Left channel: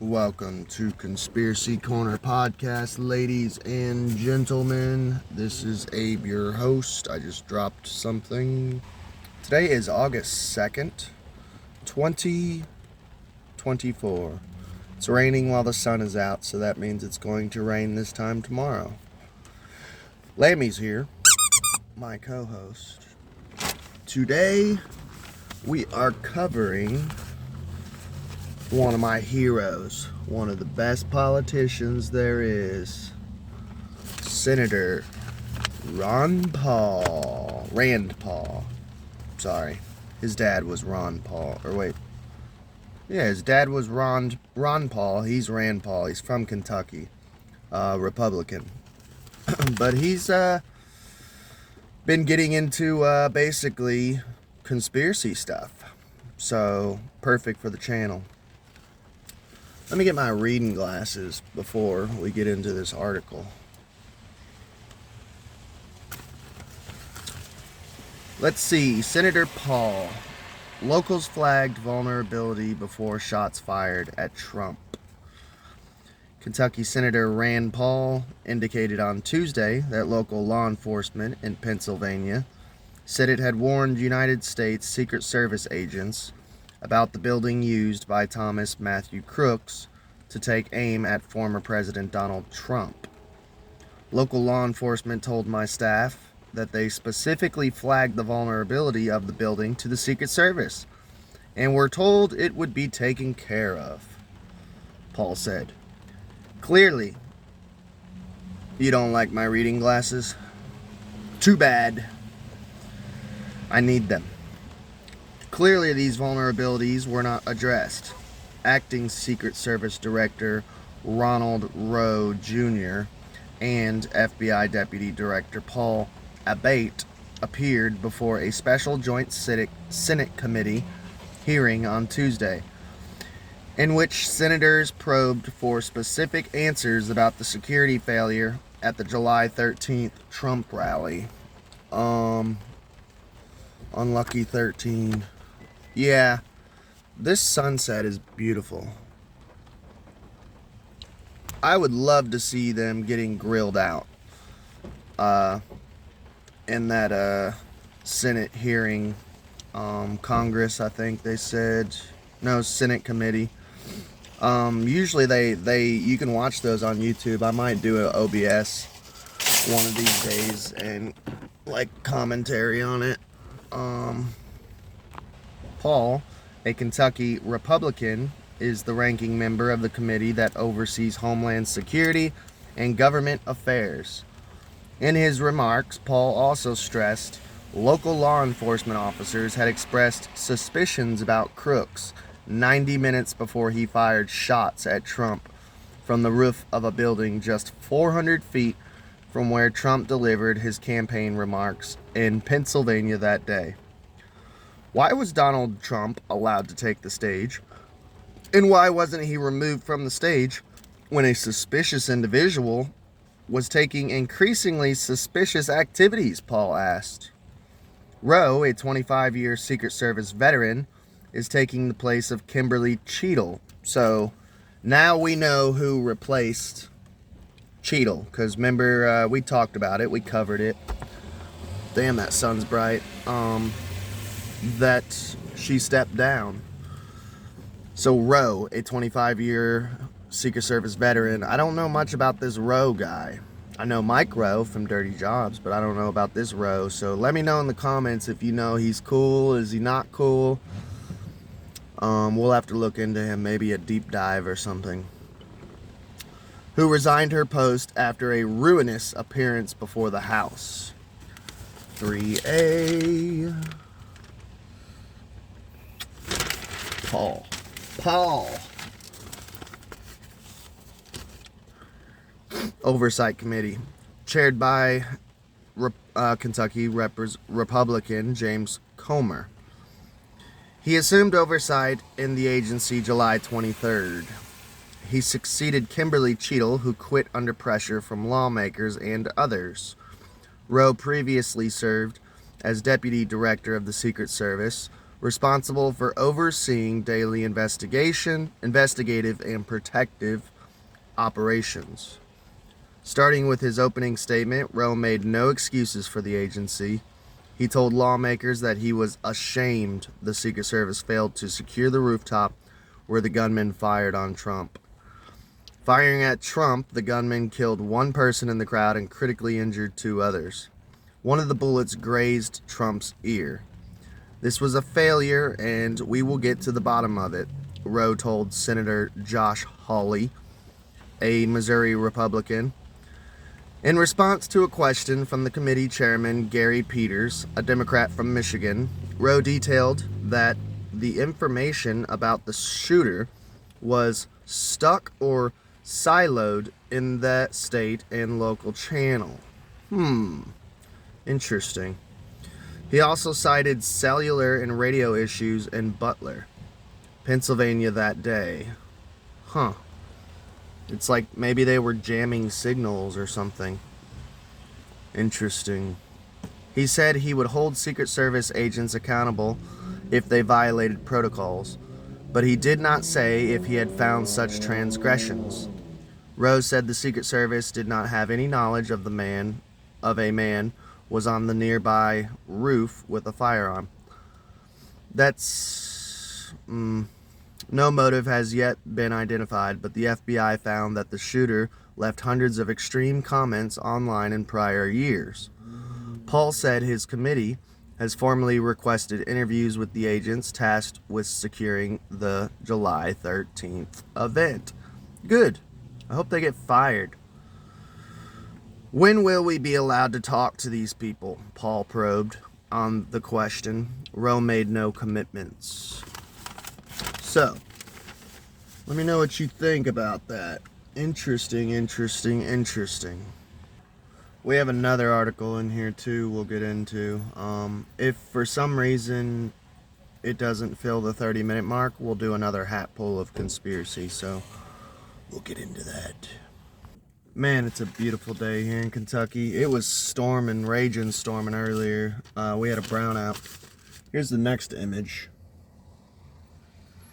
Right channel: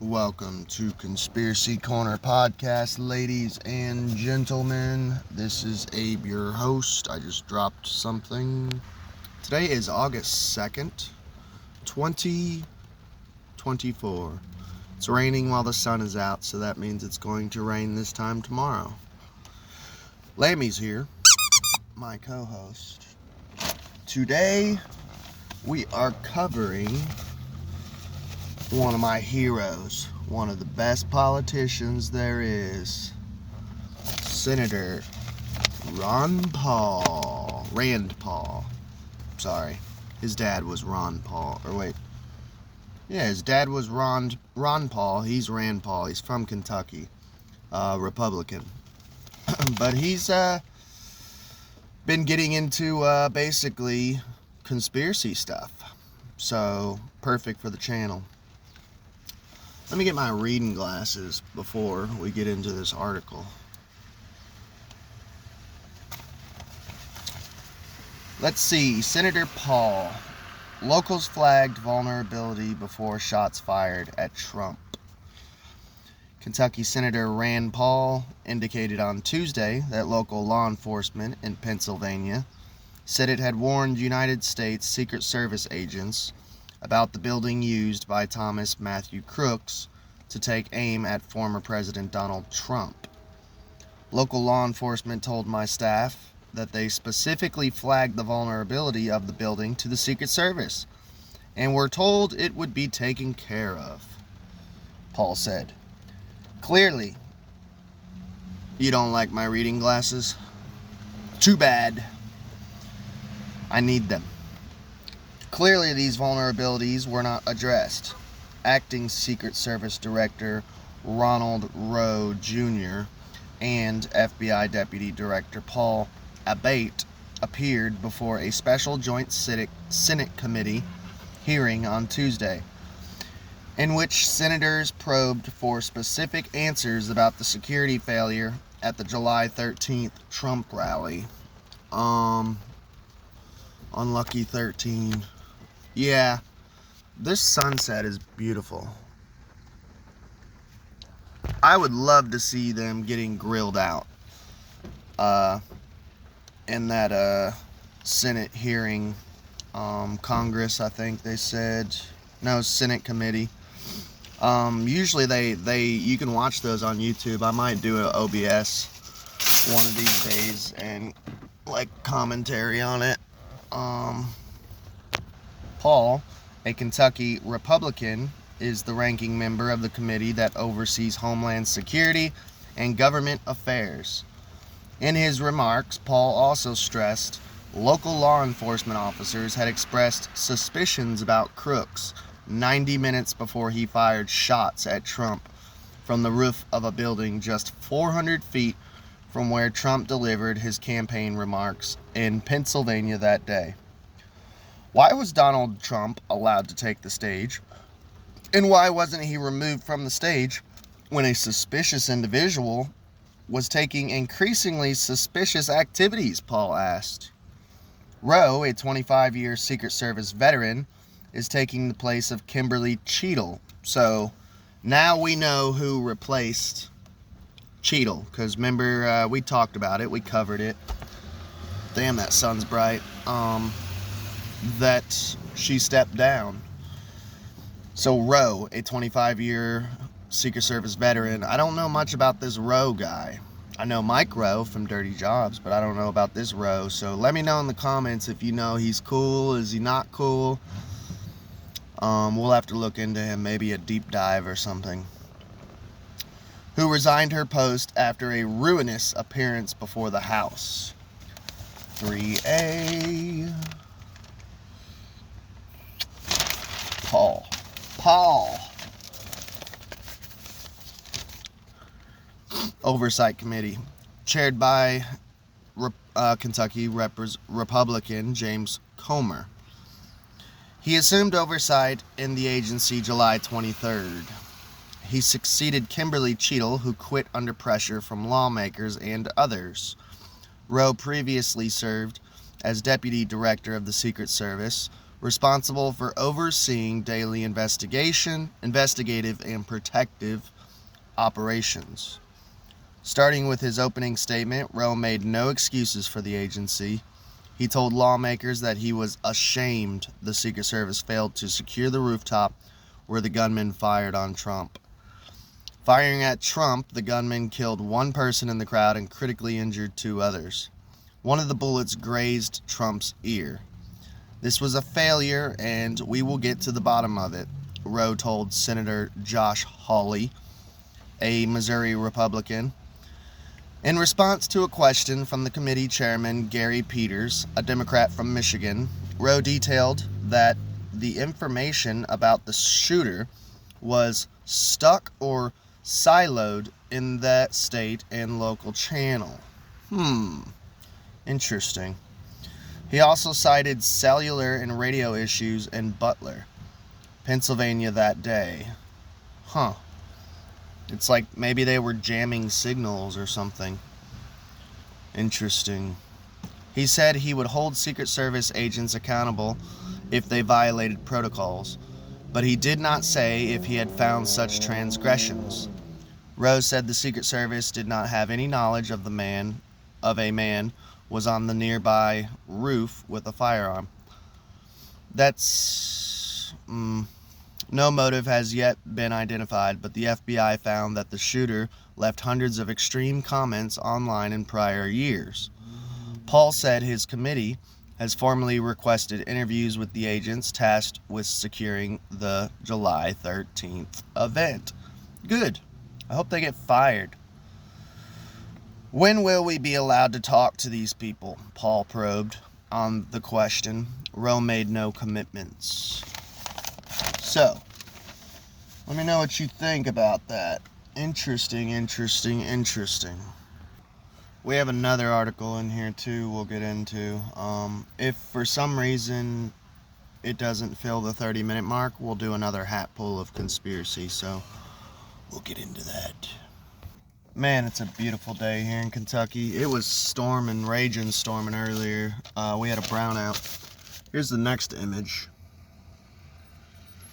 Welcome to Conspiracy Corner Podcast, ladies and gentlemen. This is Abe, your host. I just dropped something. Today is August 2nd, 2024. It's raining while the sun is out, so that means it's going to rain this time tomorrow. Lammy's here, my co-host. Today, we are covering one of my heroes, one of the best politicians there is, Senator Rand Paul. Sorry, his dad was Ron Paul. His dad was Ron Paul. He's Rand Paul. He's from Kentucky, Republican. But he's been getting into basically conspiracy stuff. So perfect for the channel. Let me get my reading glasses before we get into this article. Let's see. Senator Paul. Locals flagged vulnerability before shots fired at Trump. Kentucky Senator Rand Paul indicated on Tuesday that local law enforcement in Pennsylvania said it had warned United States Secret Service agents about the building used by Thomas Matthew Crooks to take aim at former President Donald Trump. Local law enforcement told my staff that they specifically flagged the vulnerability of the building to the Secret Service and were told it would be taken care of, Paul said. Clearly, you don't like my reading glasses? Too bad. I need them. Clearly, these vulnerabilities were not addressed. Acting Secret Service Director Ronald Rowe Jr. and FBI Deputy Director Paul Abbate appeared before a special Joint Senate Committee hearing on Tuesday, in which senators probed for specific answers about the security failure at the July 13th Trump rally. Unlucky 13. Yeah, this sunset is beautiful. I would love to see them getting grilled out in that Senate hearing, Congress, I think they said. No, Senate committee. Usually you can watch those on YouTube. I might do an OBS one of these days and like commentary on it. Paul, a Kentucky Republican, is the ranking member of the committee that oversees Homeland Security and government affairs. In his remarks, Paul also stressed local law enforcement officers had expressed suspicions about Crooks 90 minutes before he fired shots at Trump from the roof of a building just 400 feet from where Trump delivered his campaign remarks in Pennsylvania that day. Why was Donald Trump allowed to take the stage? And why wasn't he removed from the stage when a suspicious individual was taking increasingly suspicious activities, Paul asked. Rowe, a 25-year Secret Service veteran, is taking the place of Kimberly Cheadle. So now we know who replaced Cheadle, because remember, we talked about it, we covered it. Damn, that sun's bright. That she stepped down. So Rowe, a 25-year Secret Service veteran, I don't know much about this Rowe guy. I know Mike Rowe from Dirty Jobs, but I don't know about this Rowe. So let me know in the comments if you know he's cool, is he not cool. We'll have to look into him, maybe a deep dive or something. Who resigned her post after a ruinous appearance before the House. 3A. Paul. Oversight Committee, chaired by Kentucky Republican James Comer. He assumed oversight in the agency July 23rd. He succeeded Kimberly Cheadle, who quit under pressure from lawmakers and others. Rowe previously served as Deputy Director of the Secret Service, responsible for overseeing daily investigative, and protective operations. Starting with his opening statement, Rowe made no excuses for the agency. He told lawmakers that he was ashamed the Secret Service failed to secure the rooftop where the gunman fired on Trump. Firing at Trump, the gunman killed one person in the crowd and critically injured two others. One of the bullets grazed Trump's ear. This was a failure, and we will get to the bottom of it, Rowe told Senator Josh Hawley, a Missouri Republican. In response to a question from the committee chairman Gary Peters, a Democrat from Michigan, Rowe detailed that the information about the shooter was stuck or siloed in that state and local channel. Interesting. He also cited cellular and radio issues in Butler, Pennsylvania that day. It's like maybe they were jamming signals or something. Interesting. He said he would hold Secret Service agents accountable if they violated protocols, but he did not say if he had found such transgressions. Rowe said the Secret Service did not have any knowledge of a man was on the nearby roof with a firearm. No motive has yet been identified, but the FBI found that the shooter left hundreds of extreme comments online in prior years. Paul said his committee has formally requested interviews with the agents tasked with securing the July 13th event. Good. I hope they get fired. When will we be allowed to talk to these people? Paul probed on the question. Rowe made no commitments. So, let me know what you think about that. Interesting. We have another article in here too we'll get into. If for some reason it doesn't fill the 30-minute mark, we'll do another hat pull of conspiracy, so we'll get into that. Man, it's a beautiful day here in Kentucky. It was storming earlier. We had a brownout. Here's the next image.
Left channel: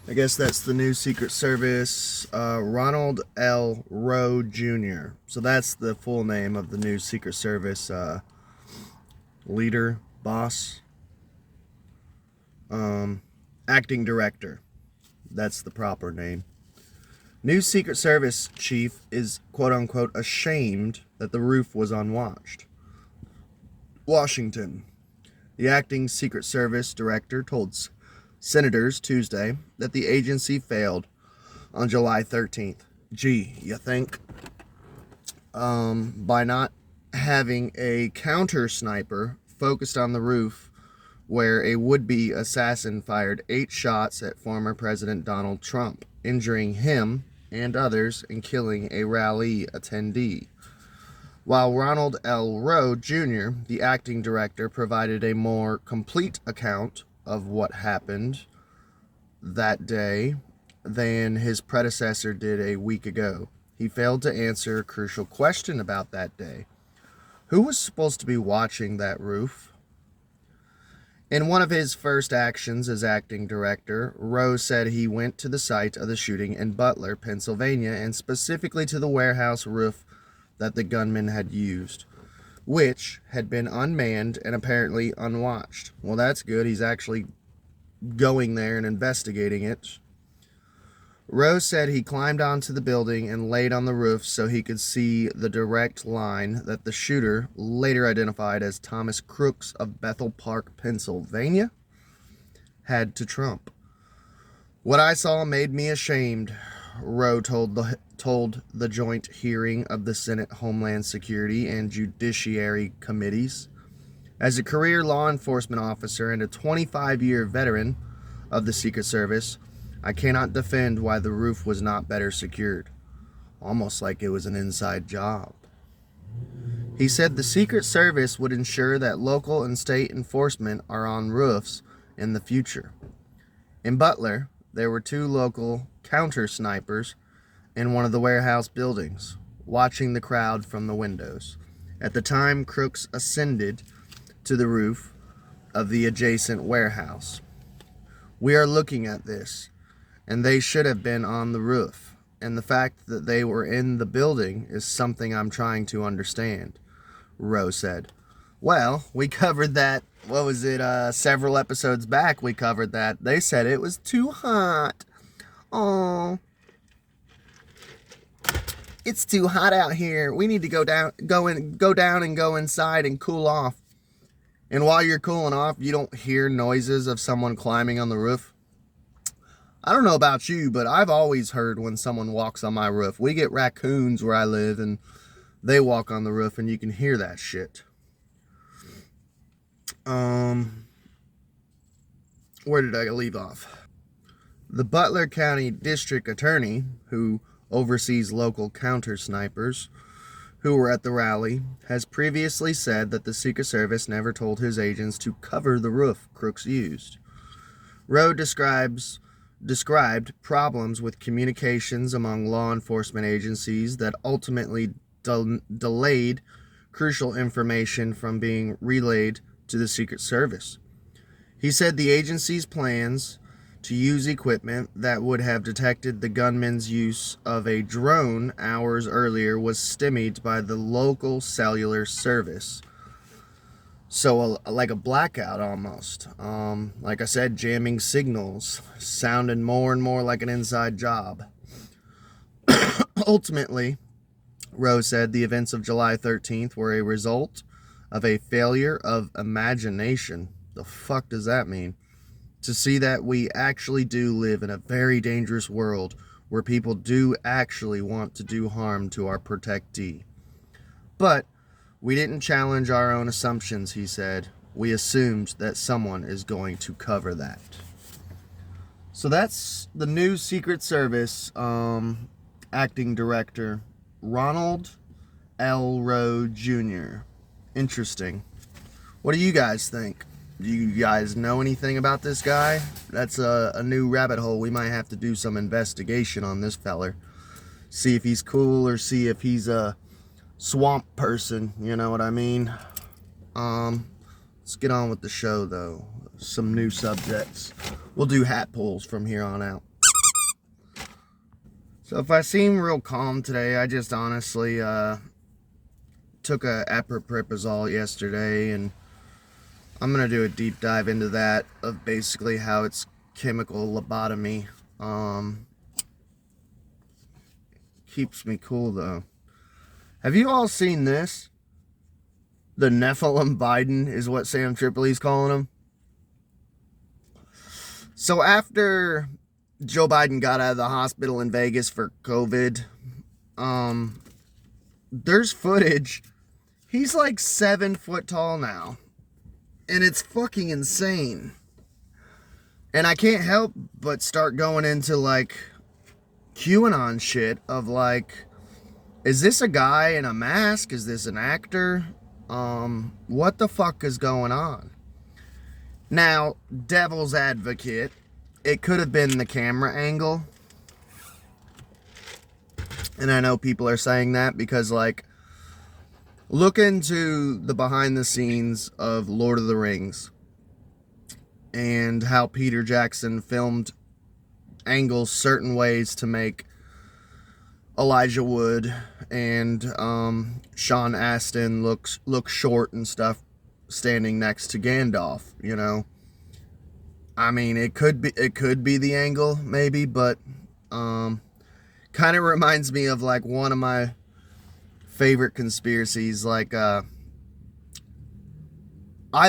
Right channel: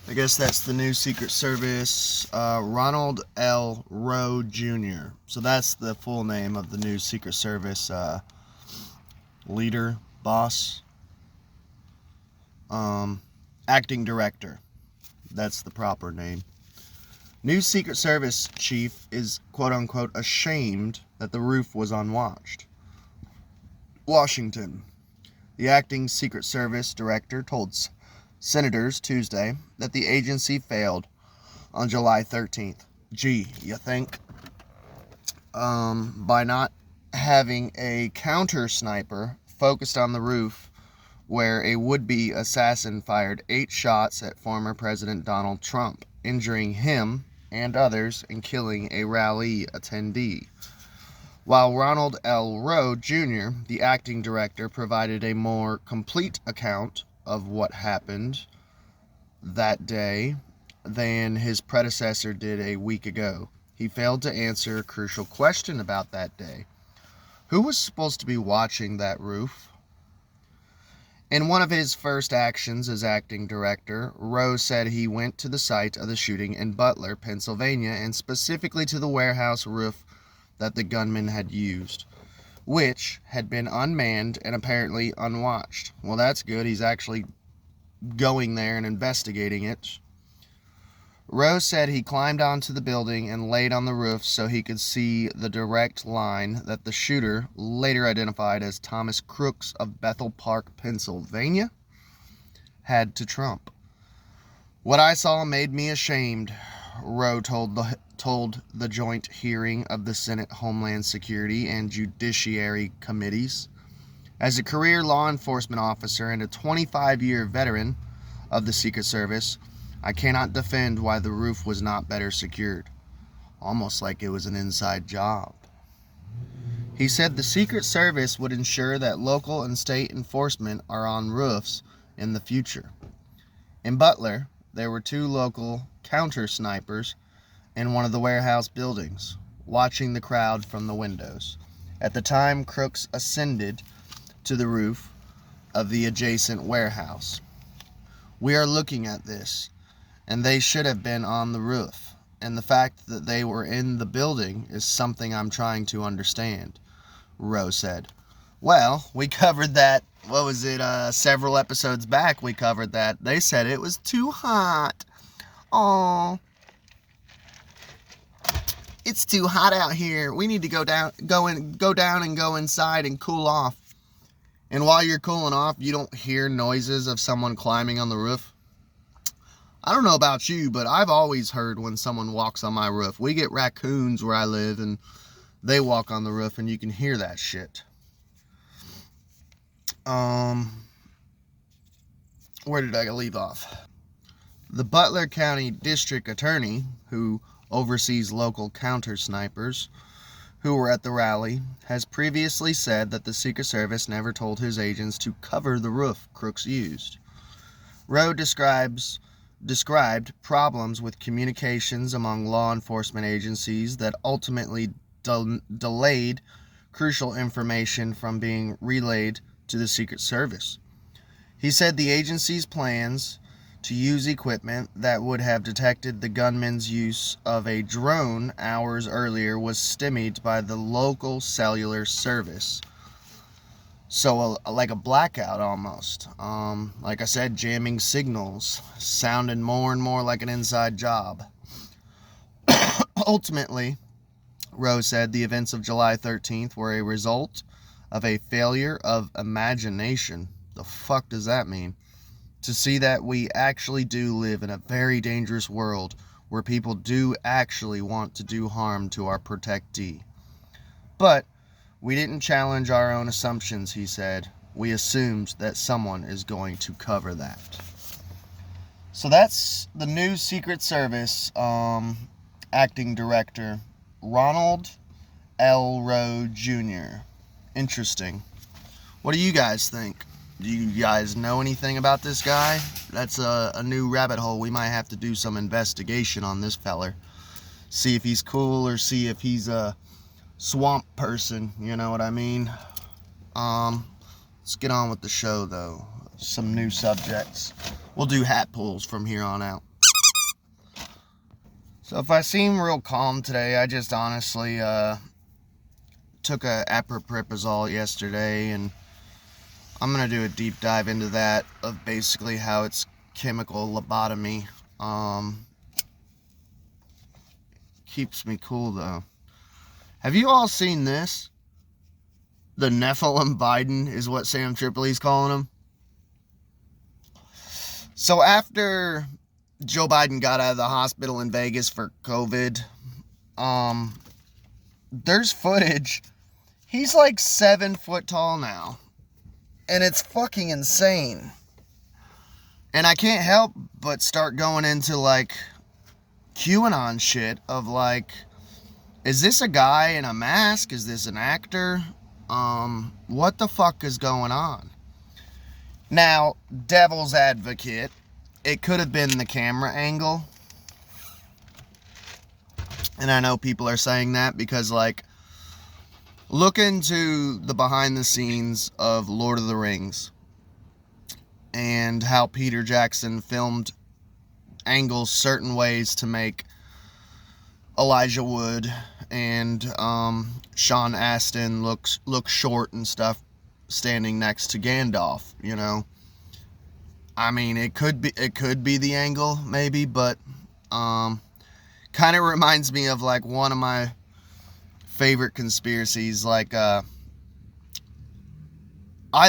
I guess that's the new Secret Service, Ronald L. Rowe Jr. So that's the full name of the new Secret Service leader, boss, acting director. That's the proper name. New Secret Service chief is quote-unquote ashamed that the roof was unwatched. Washington. The acting Secret Service director told senators Tuesday that the agency failed on July 13th. Gee, you think? By not having a counter sniper focused on the roof where a would-be assassin fired 8 shots at former President Donald Trump, injuring him and others and killing a rally attendee. While Ronald L. Rowe Jr., the acting director, provided a more complete account of what happened that day than his predecessor did a week ago, he failed to answer a crucial question about that day. Who was supposed to be watching that roof? In one of his first actions as acting director, Rowe said he went to the site of the shooting in Butler, Pennsylvania, and specifically to the warehouse roof that the gunman had used, which had been unmanned and apparently unwatched. Well, that's good. He's actually going there and investigating it. Rowe said he climbed onto the building and laid on the roof so he could see the direct line that the shooter, later identified as Thomas Crooks of Bethel Park, Pennsylvania, had to Trump. What I saw made me ashamed, Rowe told the joint hearing of the Senate Homeland Security and Judiciary Committees. As a career law enforcement officer and a 25-year veteran of the Secret Service, I cannot defend why the roof was not better secured. Almost like it was an inside job. He said the Secret Service would ensure that local and state enforcement are on roofs in the future. In Butler, there were 2 local counter snipers in one of the warehouse buildings, watching the crowd from the windows. At the time, Crooks ascended to the roof of the adjacent warehouse. We are looking at this, and they should have been on the roof. And the fact that they were in the building is something I'm trying to understand, Rowe said. Well, we covered that, several episodes back we covered that. They said it was too hot. Aww. It's too hot out here. We need to go down and go inside and cool off. And while you're cooling off, you don't hear noises of someone climbing on the roof. I don't know about you, but I've always heard when someone walks on my roof. We get raccoons where I live, and they walk on the roof, and you can hear that shit. Where did I leave off? The Butler County District Attorney, who oversees local counter snipers who were at the rally, has previously said that the Secret Service never told his agents to cover the roof Crooks used. Rowe described problems with communications among law enforcement agencies that ultimately delayed crucial information from being relayed to the Secret Service. He said the agency's plans to use equipment that would have detected the gunman's use of a drone hours earlier was stymied by the local cellular service. So like a blackout almost. Like I said, jamming signals, sounding more and more like an inside job. Ultimately, Rowe said the events of July 13th were a result of a failure of imagination. The fuck does that mean? To see that we actually do live in a very dangerous world where people do actually want to do harm to our protectee. But we didn't challenge our own assumptions, he said. We assumed that someone is going to cover that. So that's the new Secret Service acting director, Ronald L. Rowe Jr. Interesting. What do you guys think? Do you guys know anything about this guy? That's a new rabbit hole. We might have to do some investigation on this feller. See if he's cool or see if he's a swamp person. You know what I mean? Let's get on with the show, though. Some new subjects. We'll do hat pulls from here on out. So if I seem real calm today, I just honestly took a aproprizole yesterday, and I'm going to do a deep dive into that, of basically how it's chemical lobotomy. Keeps me cool, though. Have you all seen this? The Nephilim Biden is what Sam Tripoli's calling him. So after Joe Biden got out of the hospital in Vegas for COVID, there's footage. He's like 7 foot tall now. And it's fucking insane. And I can't help but start going into like QAnon shit of like, is this a guy in a mask? Is this an actor? What the fuck is going on? Now, devil's advocate, it could have been the camera angle. And I know people are saying that because like, look into the behind the scenes of Lord of the Rings and how Peter Jackson filmed angles certain ways to make Elijah Wood and Sean Astin look short and stuff standing next to Gandalf, you know. I mean, it could be the angle maybe, but kind of reminds me of like one of my favorite conspiracies. Like I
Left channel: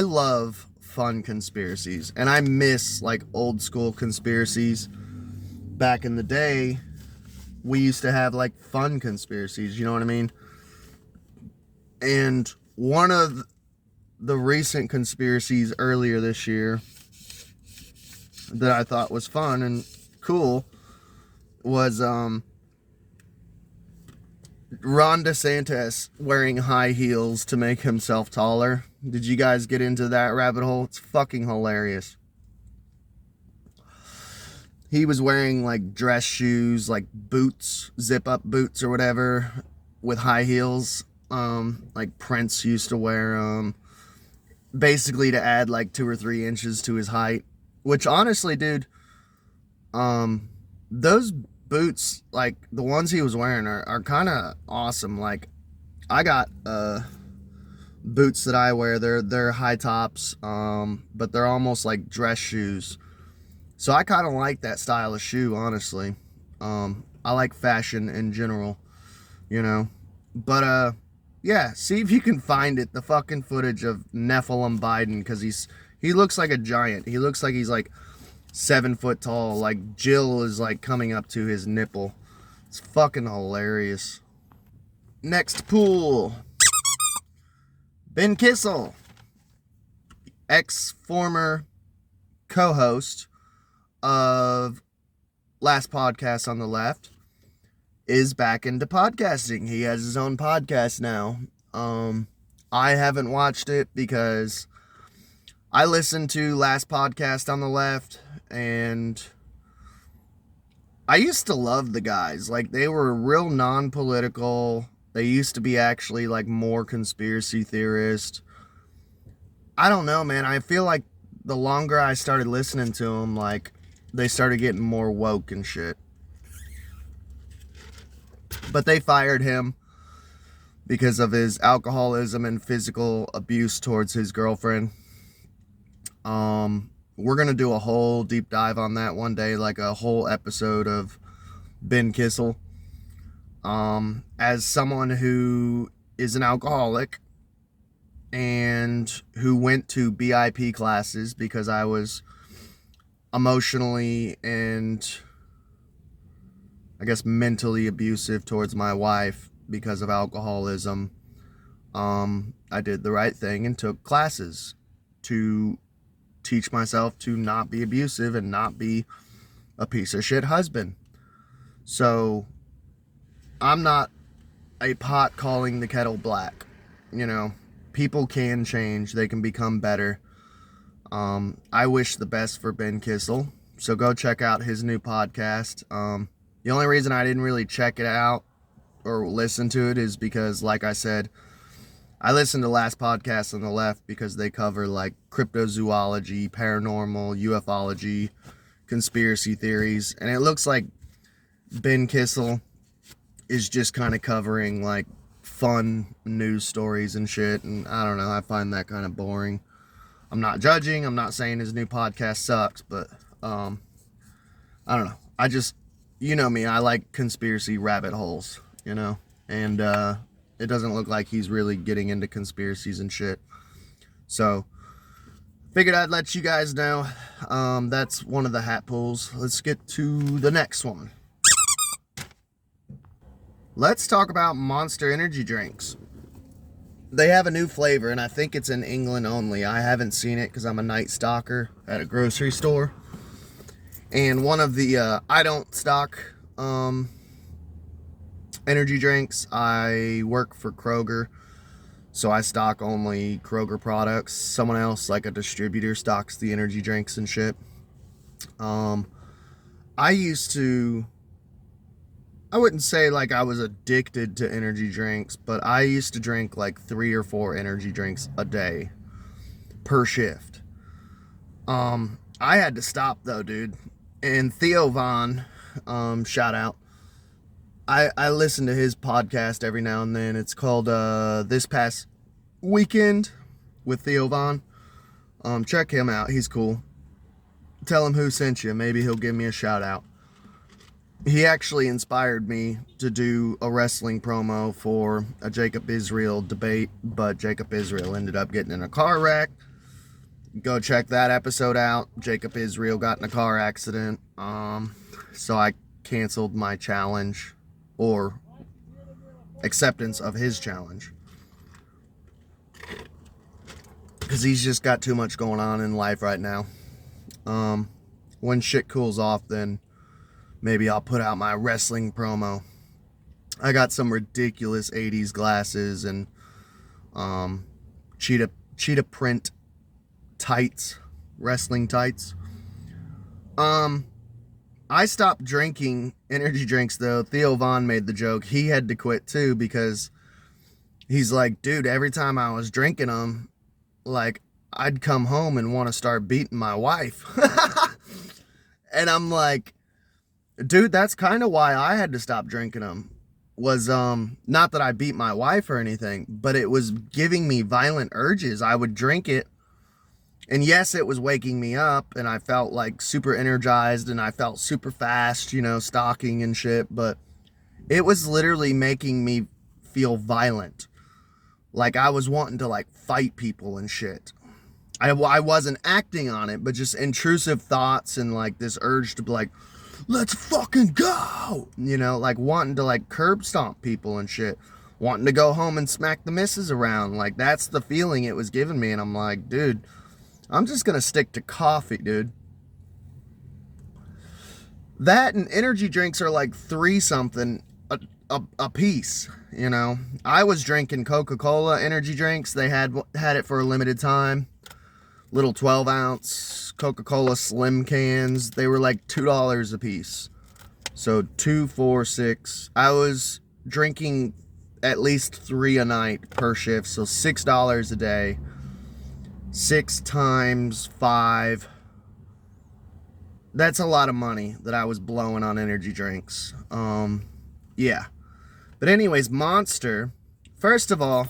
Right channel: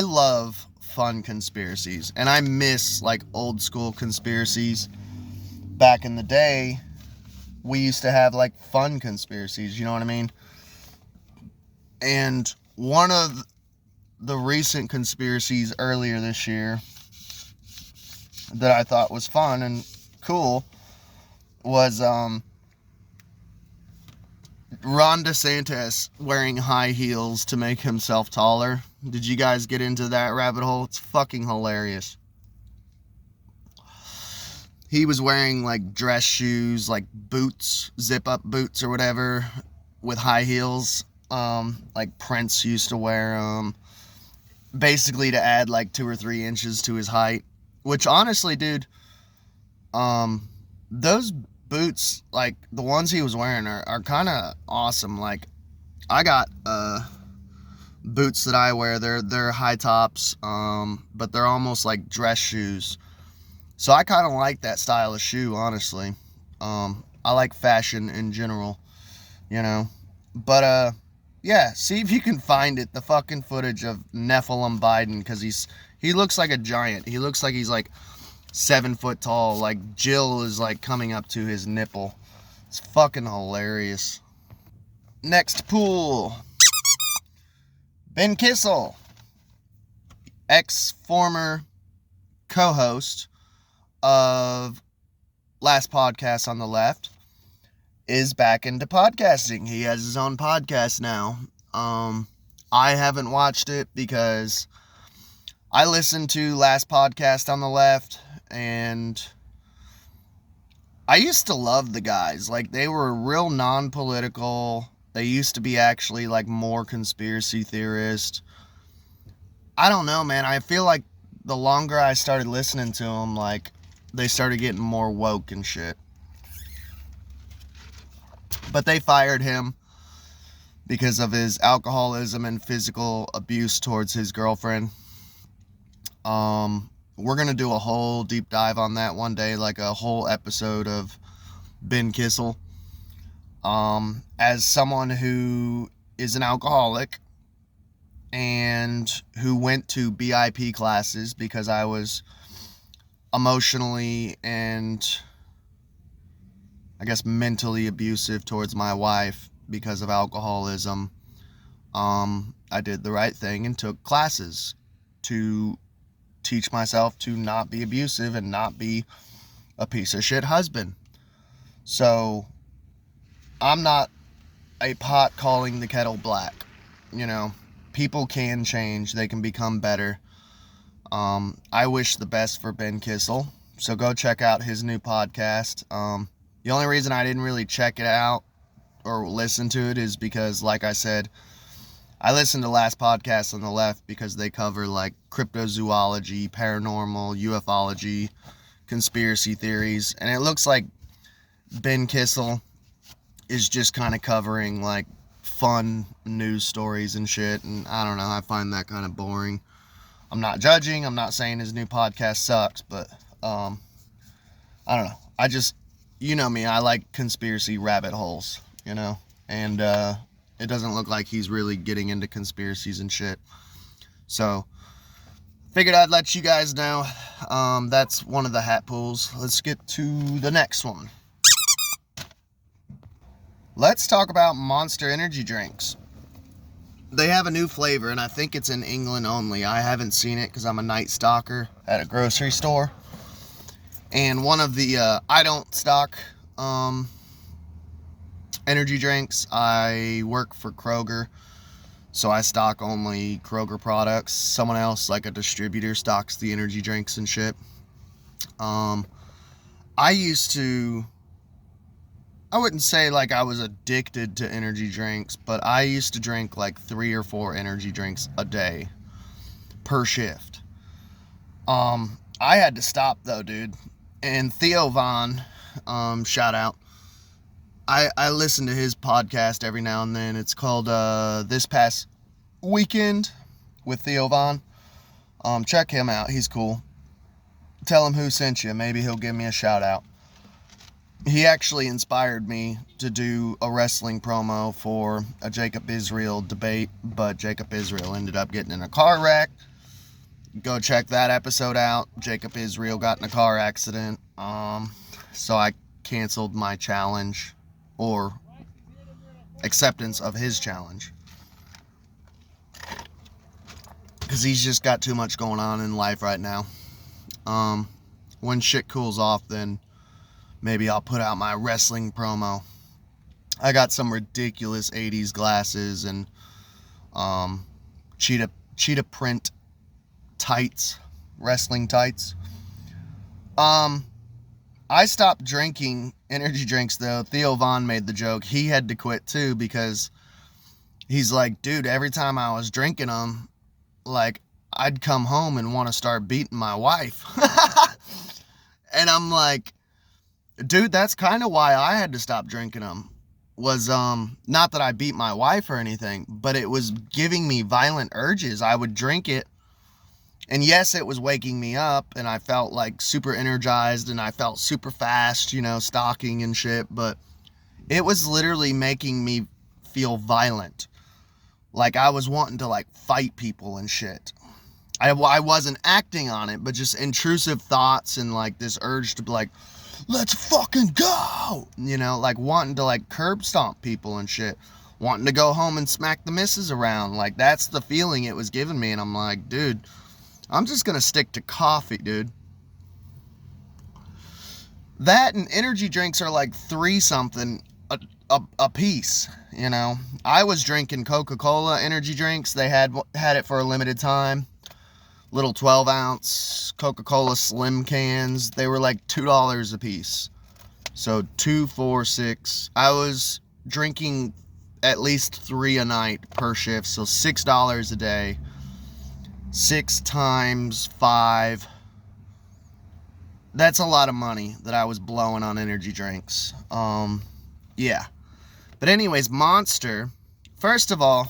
love fun conspiracies, and I miss like old school conspiracies. Back in the day, we used to have like fun conspiracies, you know what I mean? And one of the recent conspiracies earlier this year that I thought was fun and cool was Ron DeSantis wearing high heels to make himself taller. Did you guys get into that rabbit hole? It's fucking hilarious. He was wearing like dress shoes, like boots, zip up boots or whatever, with high heels. Like Prince used to wear them, basically to add like 2 or 3 inches to his height. Which honestly, dude, um, those boots, like the ones he was wearing, are kind of awesome. Like, I got boots that I wear. They're high tops, but they're almost like dress shoes. So I kind of like that style of shoe, honestly. I like fashion in general, you know. But yeah, see if you can find it. The fucking footage of Nephilim Biden, because he looks like a giant. He looks like he's like 7 foot tall. Like Jill is like coming up to his nipple. It's fucking hilarious. Next pool. Ben Kissel, ex-former co-host of Last Podcast on the Left, is back into podcasting. He has his own podcast now. I haven't watched it because I listened to Last Podcast on the Left, and I used to love the guys. Like, they were real non-political. They used to be actually like more conspiracy theorist. I don't know, man. I feel like the longer I started listening to them, like, they started getting more woke and shit. But they fired him because of his alcoholism and physical abuse towards his girlfriend. We're going to do a whole deep dive on that one day, like a whole episode of Ben Kissel. As someone who is an alcoholic and who went to BIP classes because I was emotionally and I guess mentally abusive towards my wife because of alcoholism, I did the right thing and took classes to teach myself to not be abusive and not be a piece of shit husband. So I'm not a pot calling the kettle black. You know, people can change. They can become better. I wish the best for Ben Kissel. So go check out his new podcast. The only reason I didn't really check it out or listen to it is because, like I said, I listened to Last Podcast on the Left because they cover like cryptozoology, paranormal, ufology, conspiracy theories. And it looks like Ben Kissel is just kind of covering like fun news stories and shit. And I don't know, I find that kind of boring. I'm not judging. I'm not saying his new podcast sucks, but I don't know. I just, you know me, I like conspiracy rabbit holes, you know, and it doesn't look like he's really getting into conspiracies and shit. So figured I'd let you guys know. That's one of the hat pulls. Let's get to the next one. Let's talk about Monster energy drinks. They have a new flavor, and I think it's in England only. I haven't seen it because I'm a night stalker at a grocery store. And one of the, I don't stock energy drinks. I work for Kroger, so I stock only Kroger products. Someone else, like a distributor, stocks the energy drinks and shit. I used to, I wouldn't say like I was addicted to energy drinks, but I used to drink like 3 or 4 energy drinks a day per shift. I had to stop though, dude. And Theo Von, shout out. I listen to his podcast every now and then. It's called This Past Weekend with Theo Von. Check him out. He's cool. Tell him who sent you. Maybe he'll give me a shout out. He actually inspired me to do a wrestling promo for a Jacob Israel debate, but Jacob Israel ended up getting in a car wreck. Go check that episode out. Jacob Israel got in a car accident. So I canceled my challenge or acceptance of his challenge. Because he's just got too much going on in life right now. When shit cools off, then maybe I'll put out my wrestling promo. I got some ridiculous 80s glasses and cheetah print tights, wrestling tights. I stopped drinking energy drinks though. Theo Von made the joke. He had to quit too because he's like, dude, every time I was drinking them, like I'd come home and want to start beating my wife. And I'm like, dude, that's kind of why I had to stop drinking them. Was not that I beat my wife or anything, but it was giving me violent urges. I would drink it, and yes, it was waking me up, and I felt like super energized, and I felt super fast, you know, stalking and shit, but it was literally making me feel violent. Like I was wanting to like fight people and shit. I wasn't acting on it, but just intrusive thoughts and like this urge to be like, let's fucking go, you know, like wanting to like curb stomp people and shit, wanting to go home and smack the missus around. Like that's the feeling it was giving me. And I'm like, dude, I'm just gonna stick to coffee, dude. That and energy drinks are like $3 something a piece, you know. I was drinking Coca-Cola energy drinks. They had it for a limited time. Little 12-ounce Coca-Cola slim cans. They were like $2 a piece. So 2, 4, 6. I was drinking at least 3 a night per shift. So $6 a day. 6 times 5. That's a lot of money that I was blowing on energy drinks. Yeah. But anyways, Monster. First of all,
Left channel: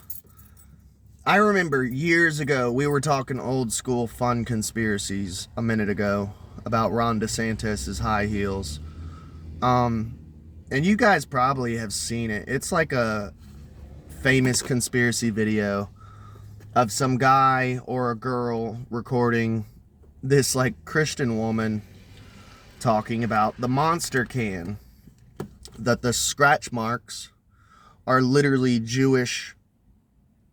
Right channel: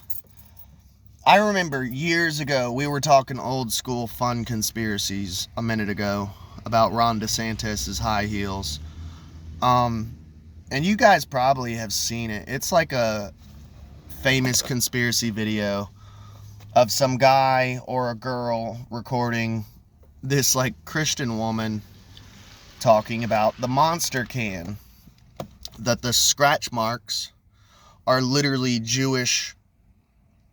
I remember years ago, we were talking old school fun conspiracies a minute ago about Ron DeSantis' high heels. And you guys probably have seen it. It's like a famous conspiracy video of some guy or a girl recording this like Christian woman talking about the Monster can, that the scratch marks are literally Jewish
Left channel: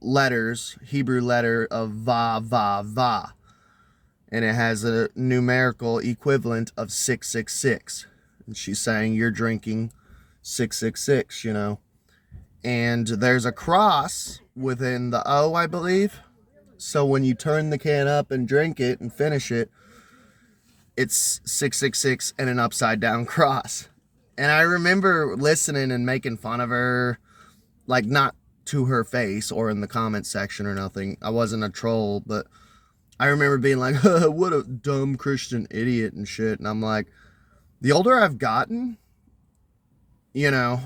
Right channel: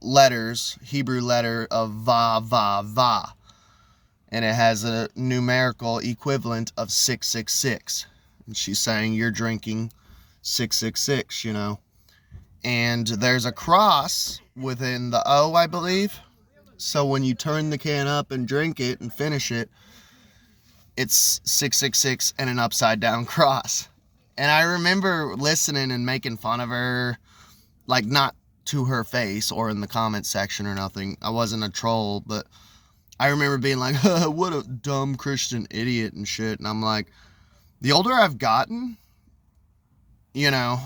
letters, Hebrew letter of va, va, va. And it has a numerical equivalent of 666. And she's saying you're drinking 666, you know. And there's a cross within the O, I believe. So when you turn the can up and drink it and finish it, it's 666 and an upside down cross. And I remember listening and making fun of her, like not to her face or in the comment section or nothing. I wasn't a troll, but I remember being like, what a dumb Christian idiot and shit. And I'm like, the older I've gotten, you know,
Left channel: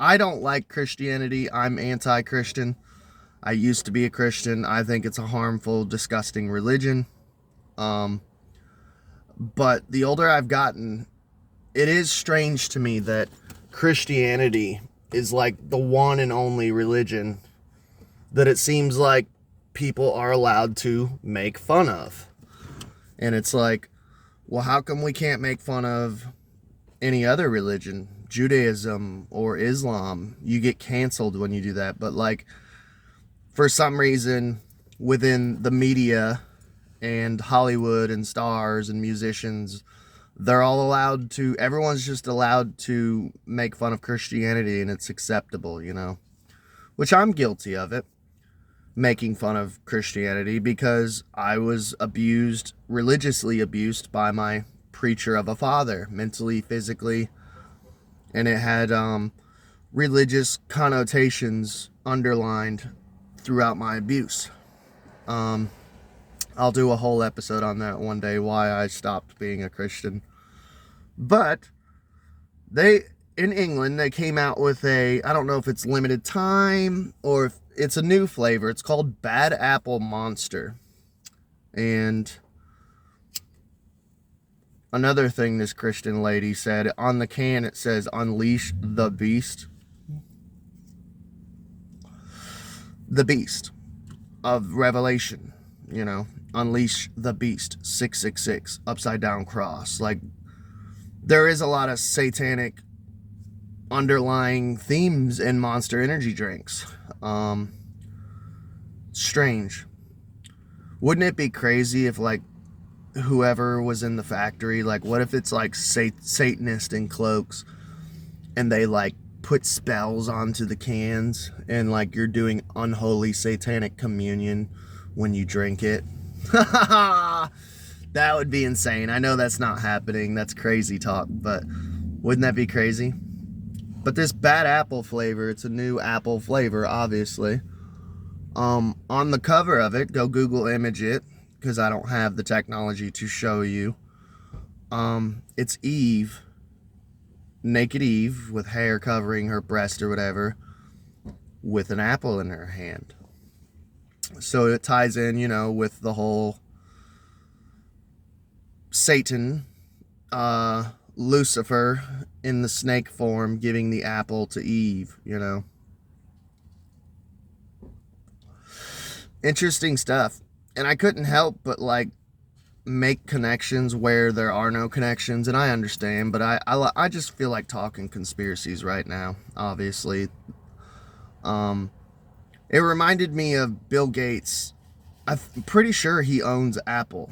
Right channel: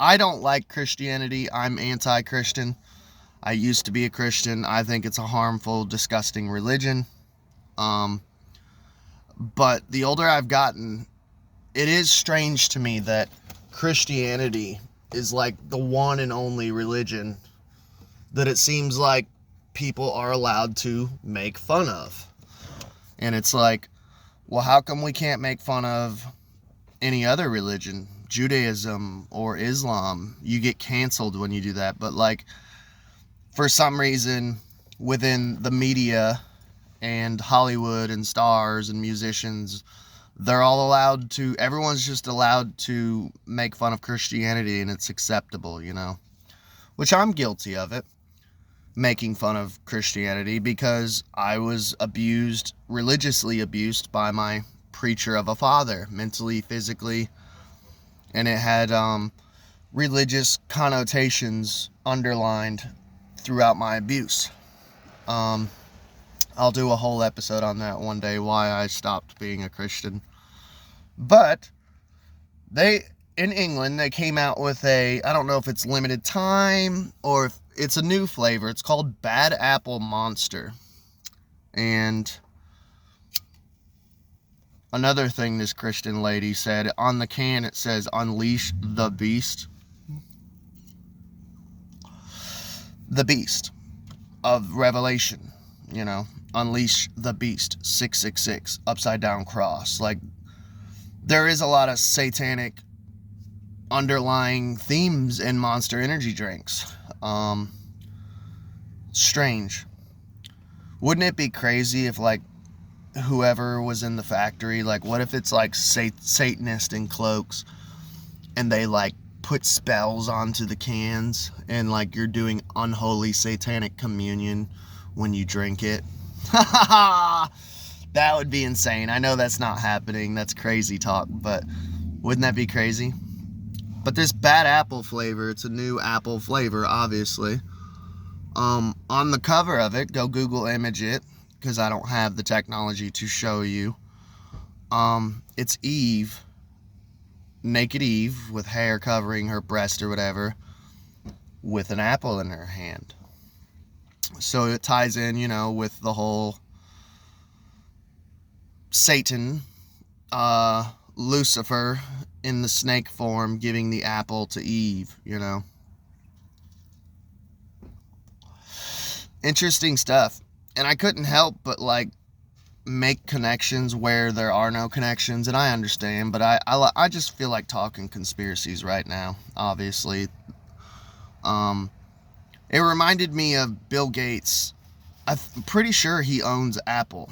I don't like Christianity. I'm anti-Christian. I used to be a Christian. I think it's a harmful, disgusting religion. But the older I've gotten, it is strange to me that Christianity is like the one and only religion that it seems like people are allowed to make fun of. And it's like, well, how come we can't make fun of any other religion? Judaism or Islam? You get canceled when you do that. But like, for some reason, within the media and Hollywood and stars and musicians, they're all allowed to, everyone's just allowed to make fun of Christianity, and it's acceptable, you know, which I'm guilty of it, making fun of Christianity, because I was abused, religiously abused by my preacher of a father, mentally, physically, and it had religious connotations underlined throughout my abuse. I'll do a whole episode on that one day, why I stopped being a Christian. But in England, they came out with I don't know if it's limited time or if it's a new flavor. It's called Bad Apple Monster. And another thing this Christian lady said, on the can it says, "Unleash the Beast." The Beast of Revelation, you know. Unleash the Beast, 666, upside down cross. Like, there is a lot of satanic underlying themes in Monster energy drinks. Strange. Wouldn't it be crazy if, like, whoever was in the factory, like, what if it's, like, Satanist in cloaks, and they, like, put spells onto the cans, and, like, you're doing unholy satanic communion when you drink it? That would be insane. I know that's not happening. That's crazy talk, but wouldn't that be crazy? But this Bad Apple flavor, it's a new apple flavor, obviously. On the cover of it, go Google image it, because I don't have the technology to show you. It's Eve, naked Eve, with hair covering her breast or whatever, with an apple in her hand. So it ties in, with the whole Satan, Lucifer in the snake form giving the apple to Eve, Interesting stuff. And I couldn't help but make connections where there are no connections, and I understand, but I just feel like talking conspiracies right now, obviously. It reminded me of Bill Gates. I'm pretty sure he owns Apple,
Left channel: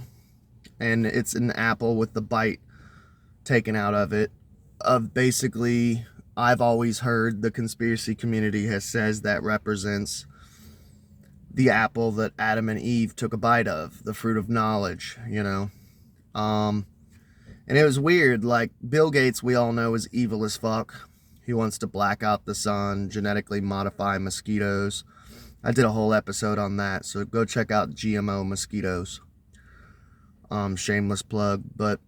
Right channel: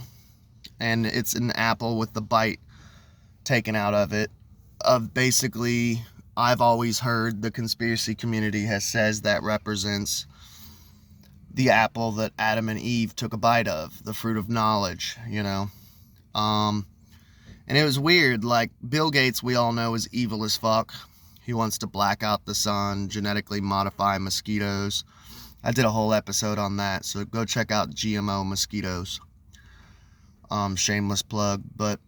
and it's an apple with the bite taken out of it. Basically, I've always heard the conspiracy community says that represents the apple that Adam and Eve took a bite of, the fruit of knowledge, And it was weird, Bill Gates, we all know, is evil as fuck. He wants to black out the sun, genetically modify mosquitoes. I did a whole episode on that, so go check out GMO mosquitoes. Shameless plug, but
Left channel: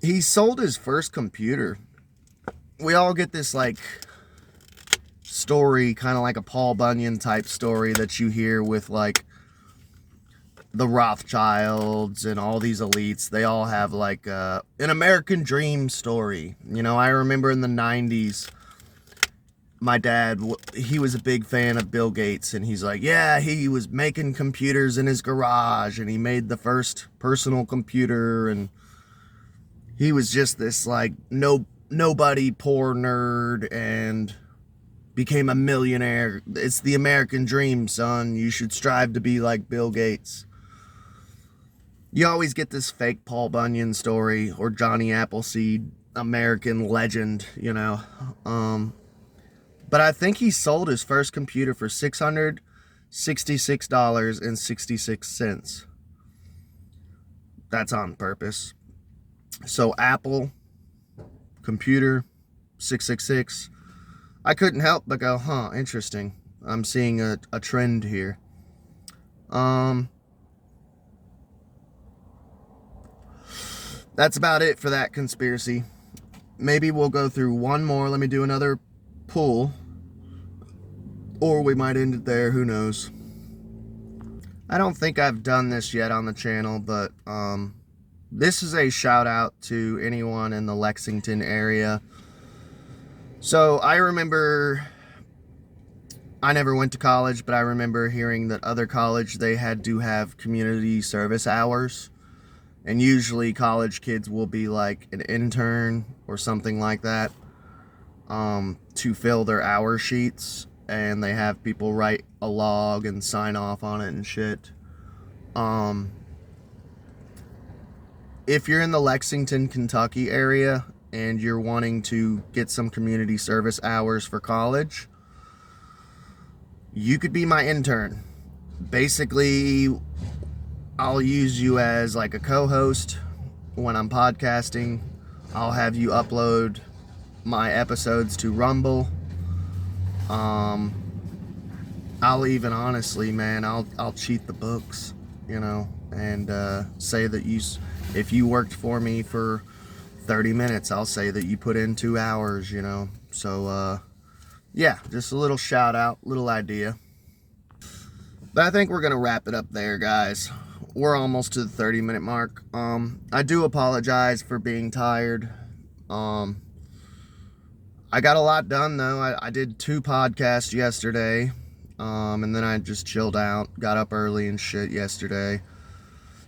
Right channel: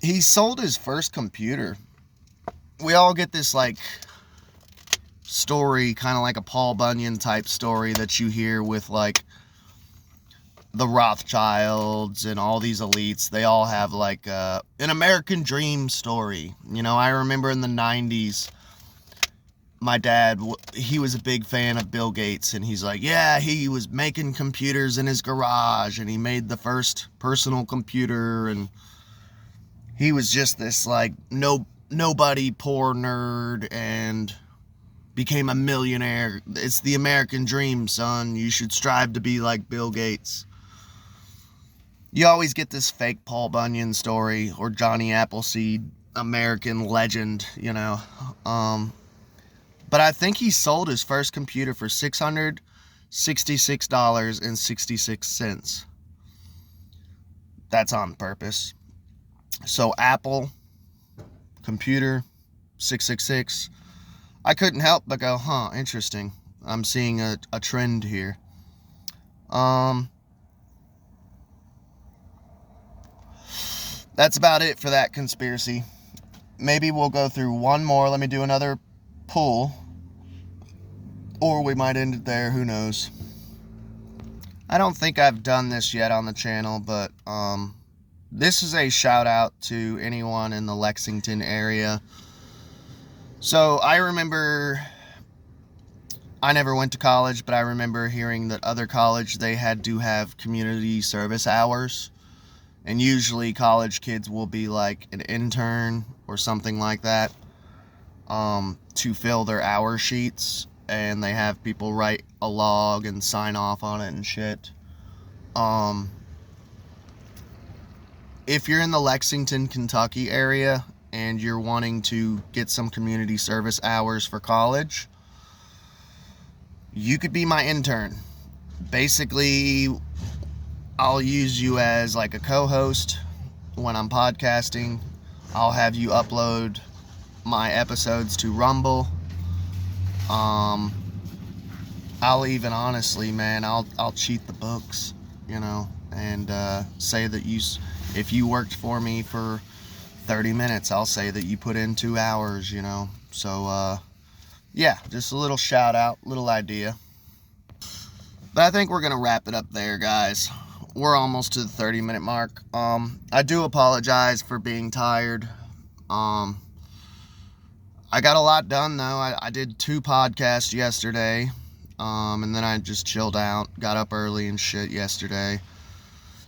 he sold his first computer. We all get this story, kind of like a Paul Bunyan type story that you hear with the Rothschilds and all these elites. They all have an American dream story. I remember in the 90s, my dad, he was a big fan of Bill Gates, and he's he was making computers in his garage, and he made the first personal computer, and he was just this nobody, poor nerd, and became a millionaire. It's the American dream, son. You should strive to be like Bill Gates. You always get this fake Paul Bunyan story or Johnny Appleseed American legend, But I think he sold his first computer for $666.66. That's on purpose. So Apple, computer, 666. I couldn't help but go, interesting. I'm seeing a trend here. That's about it for that conspiracy. Maybe we'll go through one more. Let me do another pull. Or we might end it there. Who knows? I don't think I've done this yet on the channel, but this is a shout out to anyone in the Lexington area. So I remember, I never went to college, but I remember hearing that other college, they had to have community service hours. And usually college kids will be an intern or something like that to fill their hour sheets. And they have people write a log and sign off on it and shit. If you're in the Lexington, Kentucky area and you're wanting to get some community service hours for college, you could be my intern. Basically, I'll use you as a co-host when I'm podcasting. I'll have you upload my episodes to Rumble. I'll even honestly, man, I'll cheat the books, and say that if you worked for me for 30 minutes, I'll say that you put in 2 hours, So, yeah, just a little shout out, little idea. But I think we're going to wrap it up there, guys. We're almost to the 30-minute mark. I do apologize for being tired. I got a lot done, though. I did 2 podcasts yesterday, and then I just chilled out, got up early and shit yesterday.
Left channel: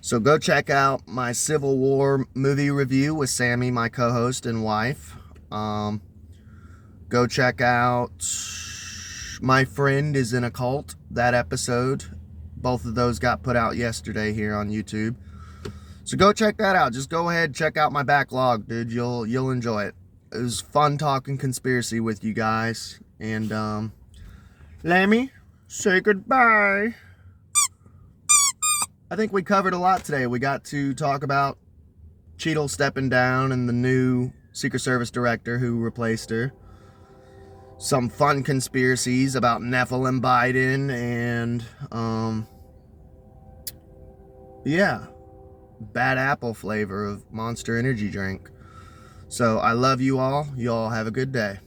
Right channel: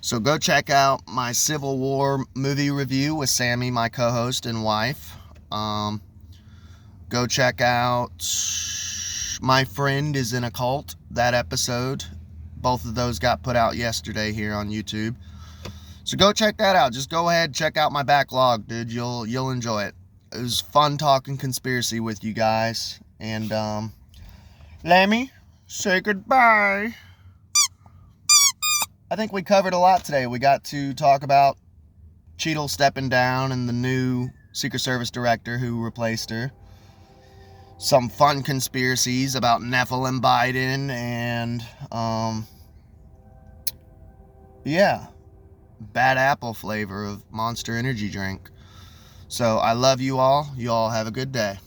So go check out my Civil War movie review with Sammy, my co-host and wife. Go check out My Friend is in a Cult, that episode. Both of those got put out yesterday here on YouTube. So go check that out. Just go ahead, check out my backlog, dude. You'll enjoy it. It was fun talking conspiracy with you guys. And let me say goodbye. I think we covered a lot today. We got to talk about Cheadle stepping down and the new Secret Service director who replaced her. some fun conspiracies about Nephilim Biden and yeah, bad apple flavor of Monster energy drink. So I love you all. You all have a good day.